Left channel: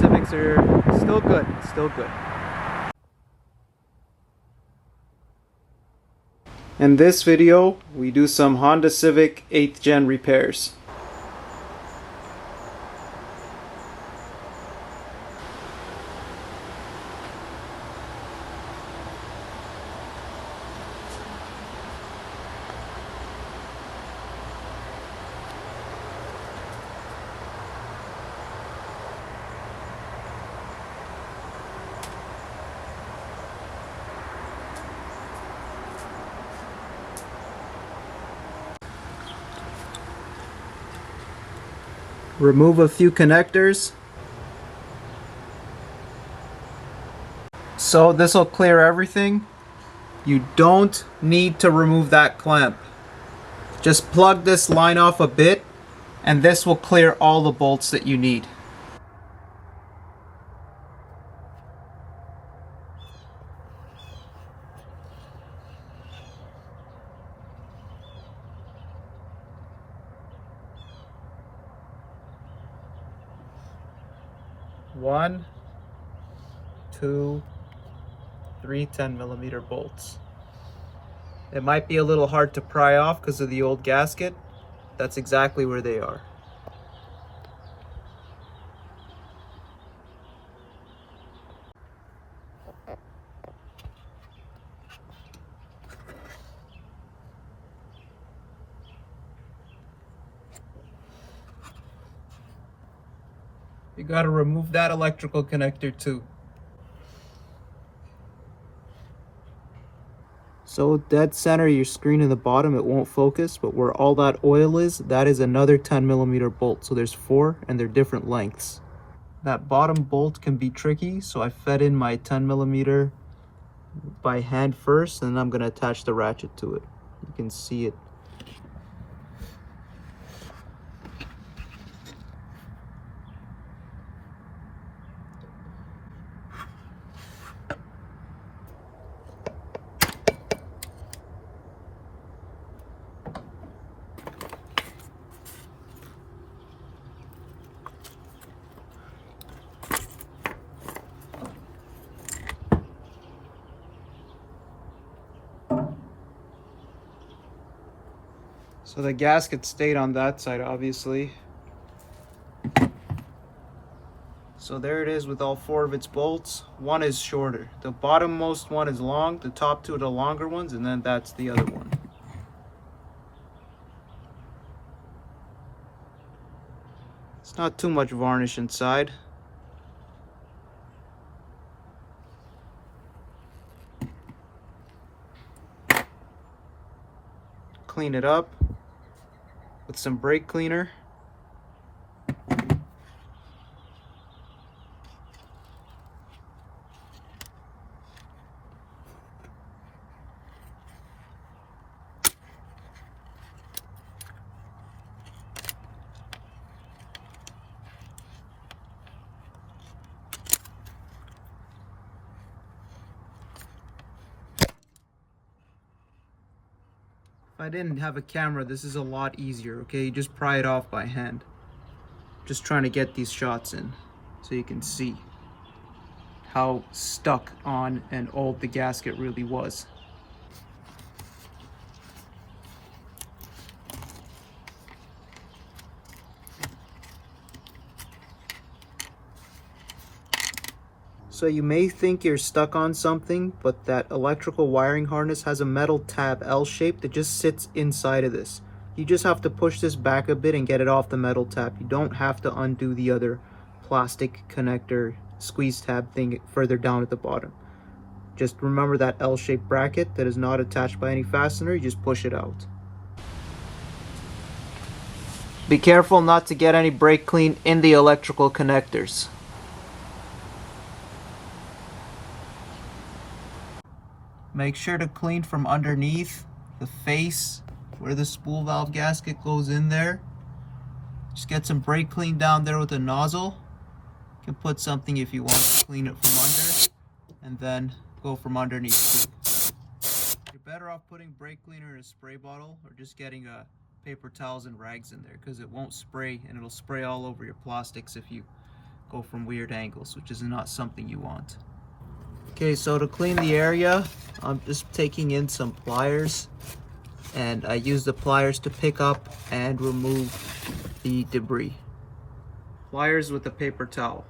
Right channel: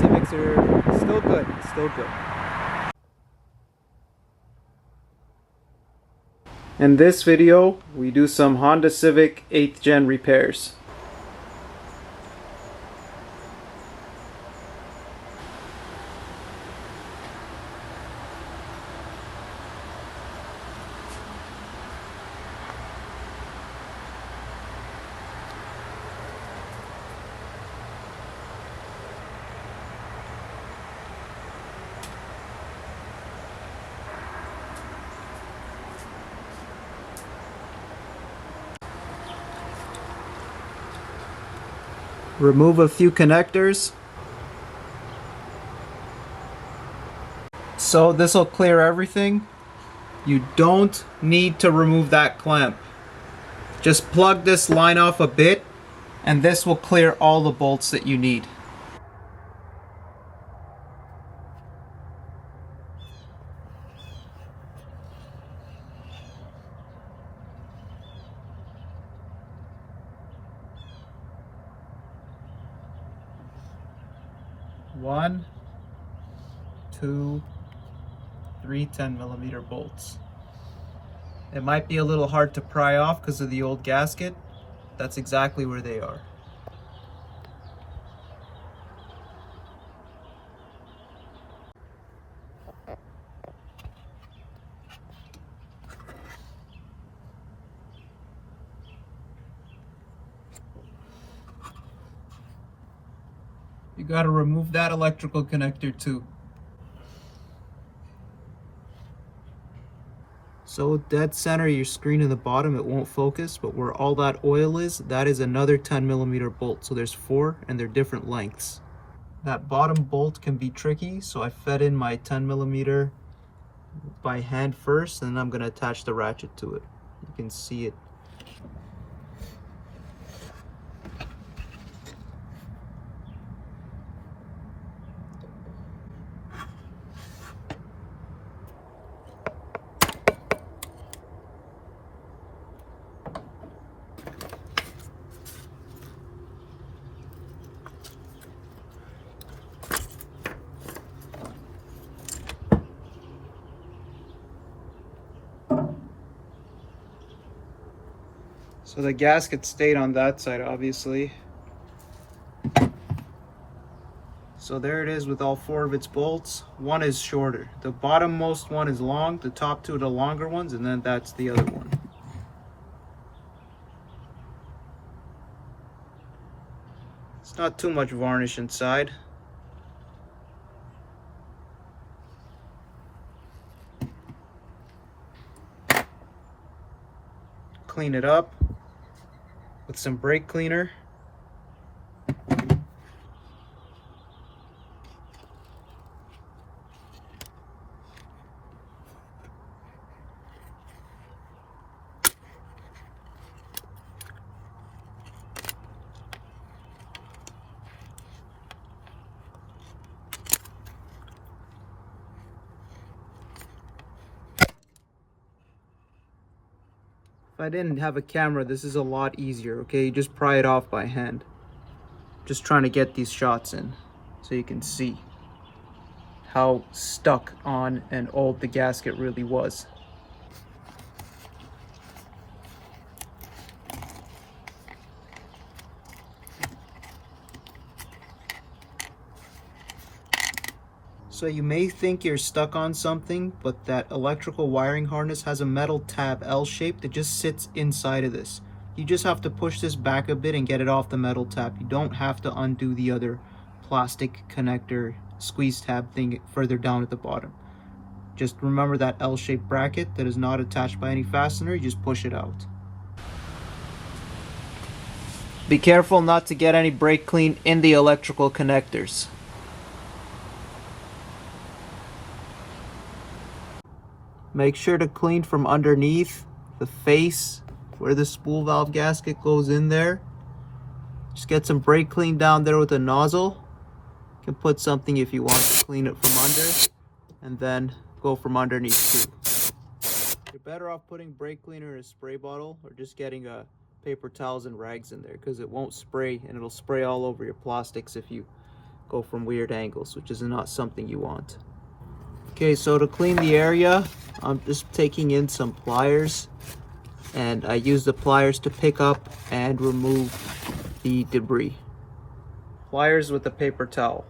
Civics are still good, still good. In this video, we do some Honda Civic 8th Gen repairs. Remove a few connectors. So this will clear everything. You don't need to remove that clamp. Just plug this line off a bit and this will clear all the bolts that you need. One, two, three 10mm bolts. It might be a little hard to pry off because of the old gasket. That's exactly where they are. You gotta remove that electrical connector too. So dead center your screen in the bottom, it won't focus, but where all that oil is, that is another 10mm bolt. So there's 4 and they're different lengths. That bottom bolt can be tricky, so I fed in my 10mm by hand first, and then I'm gonna attach the ratchet to it. You can see it. So the gasket stayed on that side, obviously. So there it is with all 4 of its bolts. One is shorter. The bottommost one is long, the top 2 are the longer ones, and then that's the other one. It's not too much varnish inside. Clean it up with some brake cleaner. If I didn't have a camera, this is a lot easier, okay? You just pry it off by hand. Just trying to get these shots in so you can see how stuck on and old the gasket really was. So you may think you're stuck on something, but that electrical wiring harness has a metal tab L shape that just sits inside of this. You just have to push this back a bit and get it off the metal tab. You don't have to undo the other plastic connector squeeze tab thing further down at the bottom. Just remember that L-shaped bracket that is not attached by any fastener, you just push it out. Be careful not to get any brake clean in the electrical connectors. Make sure to clean from underneath the face where the spool valve gasket goes in there. Just get some brake clean down there with a nozzle. You can put something if you want to clean it from under, and then go from underneath too. You're better off putting brake cleaner in a spray bottle or just getting paper towels and rags in there, because it won't spray and it'll spray all over your plastics if you go from weird angles, which is not something you want. Okay, so to clean the area, I'm just taking in some pliers, and I use the pliers to pick up and remove the debris. Pliers with a paper towel.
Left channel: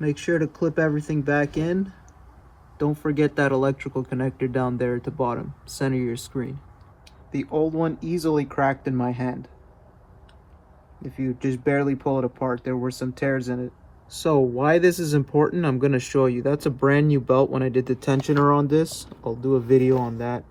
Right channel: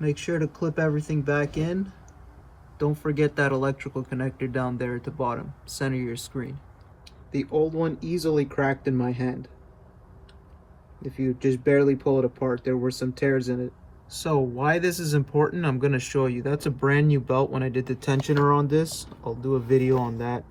Make sure to clip everything back in. Don't forget that electrical connector down there at the bottom, center your screen. The old one easily cracked in my hand. If you just barely pull it apart, there were some tears in it. So why this is important, I'm going to show you. That's a brand new belt when I did the tensioner on this. I'll do a video on that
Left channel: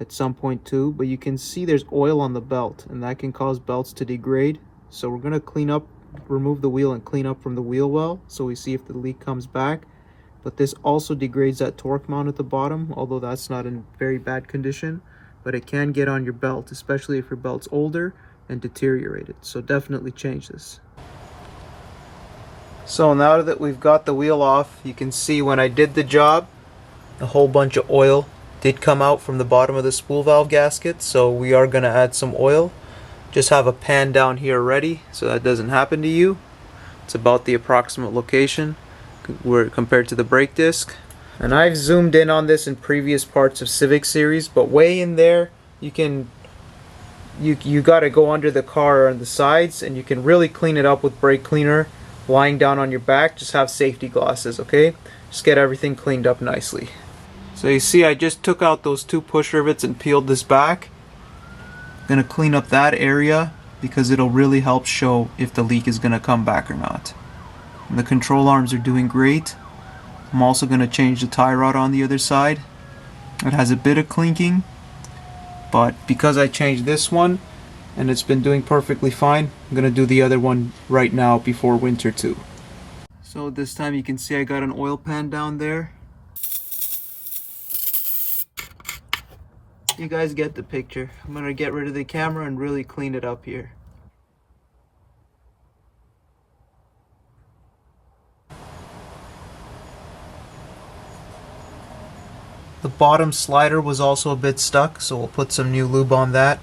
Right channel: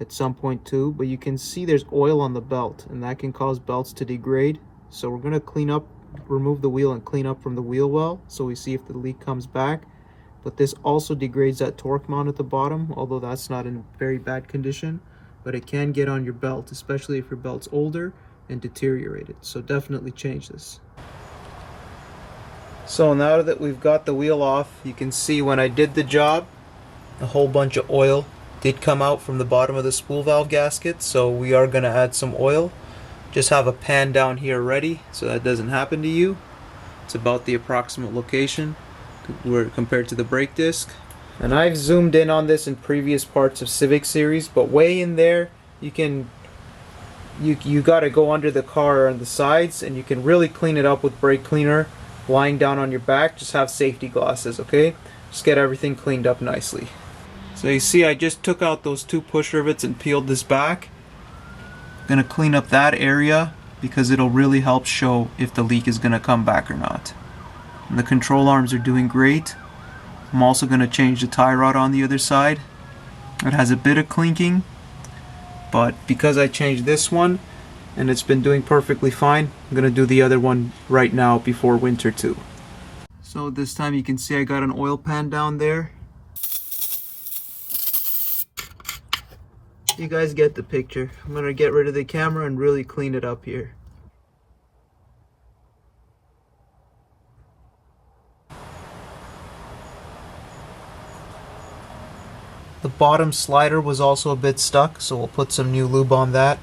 at some point too. But you can see there's oil on the belt, and that can cause belts to degrade. So we're going to clean up, remove the wheel and clean up from the wheel well, so we see if the leak comes back. But this also degrades that torque mount at the bottom, although that's not in very bad condition. But it can get on your belt, especially if your belt's older and deteriorated. So definitely change this. So now that we've got the wheel off, you can see when I did the job, a whole bunch of oil did come out from the bottom of the spool valve gasket. So we are going to add some oil. Just have a pan down here ready so that doesn't happen to you. It's about the approximate location where compared to the brake disc. And I've zoomed in on this in previous parts of Civic series, but way in there you got to go under the car on the sides, and you can really clean it up with brake cleaner lying down on your back. Just have safety glasses, okay? Just get everything cleaned up nicely. So you see I just took out those two push rivets and peeled this back. Gonna clean up that area because it'll really help show if the leak is gonna come back or not. And the control arms are doing great. I'm also gonna change the tie rod on the other side. It has a bit of clinking, but because I changed this one and it's been doing perfectly fine, I'm gonna do the other one right now before winter too. So this time you can see I got an oil pan down there. You guys get the picture. I'm going to get rid of the camera and really clean it up here. The bottom slider was also a bit stuck, so we'll put some new lube on that.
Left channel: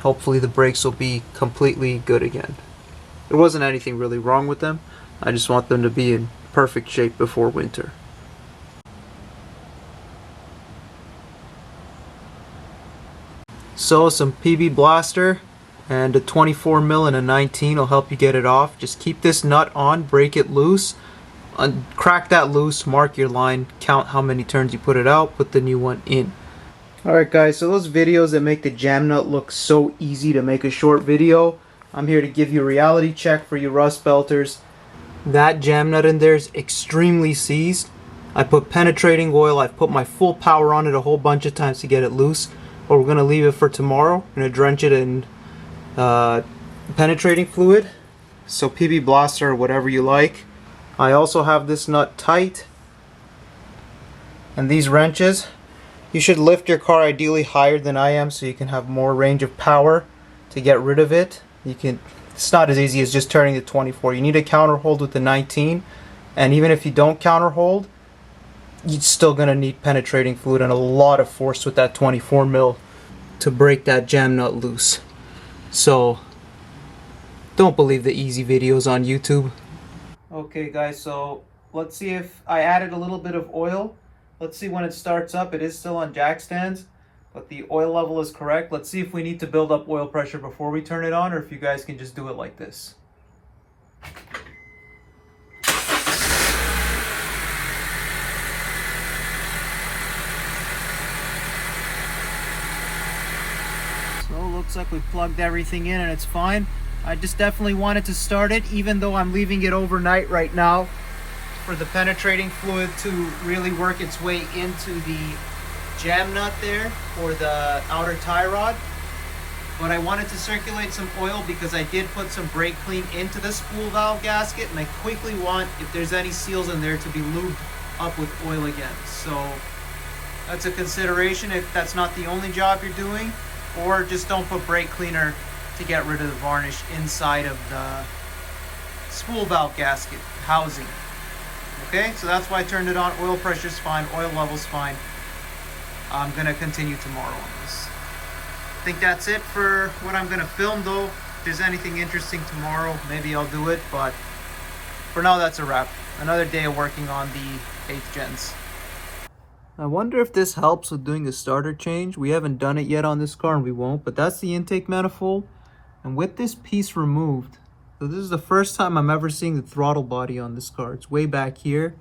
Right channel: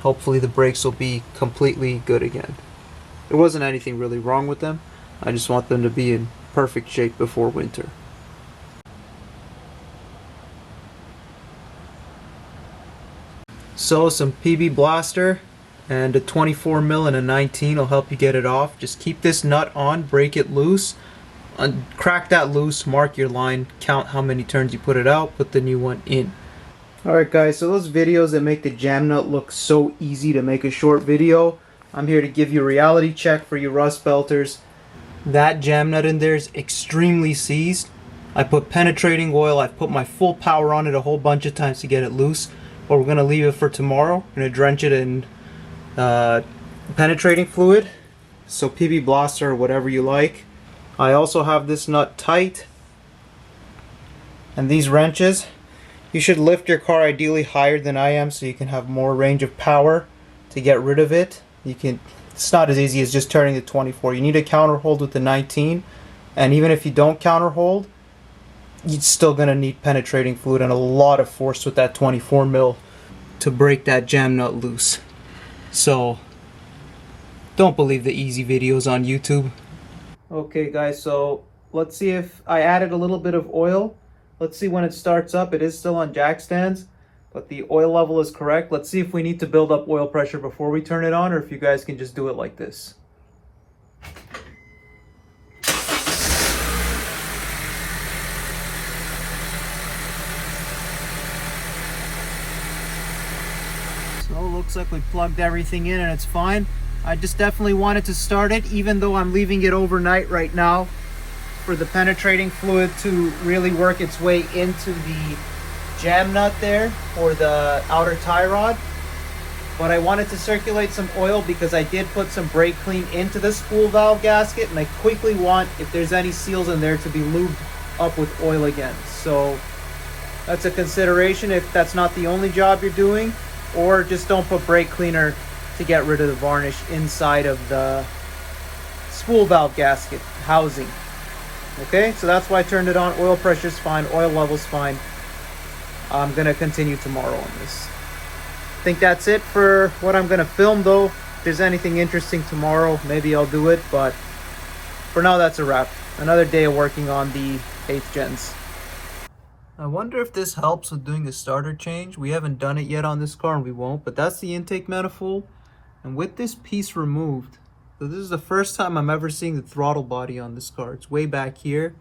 Hopefully the brakes will be completely good again. There wasn't anything really wrong with them. I just want them to be in perfect shape before winter. So some PB Blaster and a 24 mil and a 19 will help you get it off. Just keep this nut on, break it loose, crack that loose, mark your line, count how many turns you put it out, put the new one in. Alright guys, so those videos that make the jam nut look so easy to make a short video, I'm here to give you a reality check for you rust belters. That jam nut in there is extremely seized. I put penetrating oil, I've put my full power on it a whole bunch of times to get it loose. But we're going to leave it for tomorrow. We're going to drench it in penetrating fluid. So PB Blaster or whatever you like. I also have this nut tight. And these wrenches, you should lift your car ideally higher than I am so you can have more range of power to get rid of it. It's not as easy as just turning the 24. You need a counter hold with the 19. And even if you don't counter hold, you're still going to need penetrating fluid and a lot of force with that 24 mil to break that jam nut loose. So don't believe the easy videos on YouTube. Okay guys, so let's see if I added a little bit of oil. Let's see when it starts up. It is still on jack stands, but the oil level is correct. Let's see if we need to build up oil pressure before we turn it on, or if you guys can just do it like this. So looks like we plugged everything in and it's fine. I just definitely wanted to start it, even though I'm leaving it overnight right now for the penetrating fluid to really work its way into the jam nut there or the outer tie rod. But I wanted to circulate some oil because I did put some brake clean into the spool valve gasket, and I quickly want, if there's any seals in there, to be lubed up with oil again. So that's a consideration if that's not the only job you're doing, or just don't put brake cleaner to get rid of the varnish inside of the spool valve gasket housing. Okay, so that's why I turned it on. Oil pressure's fine, oil level's fine. I'm gonna continue tomorrow on this. I think that's it for what I'm gonna film though. If there's anything interesting tomorrow, maybe I'll do it, but for now that's a wrap. Another day of working on the 8th gens. I wonder if this helps with doing the starter change. We haven't done it yet on this car and we won't, but that's the intake manifold. And with this piece removed, so this is the first time I'm ever seeing the throttle body on this car. It's way back here.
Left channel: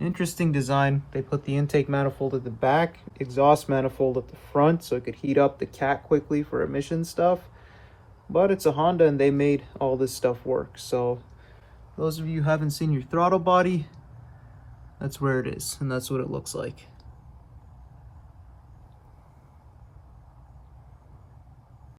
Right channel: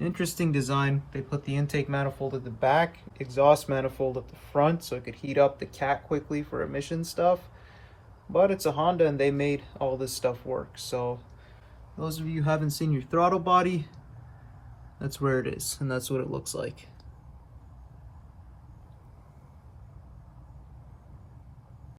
Interesting design. They put the intake manifold at the back, exhaust manifold at the front so it could heat up the cat quickly for emission stuff. But it's a Honda and they made all this stuff work. So those of you who haven't seen your throttle body, that's where it is and that's what it looks like.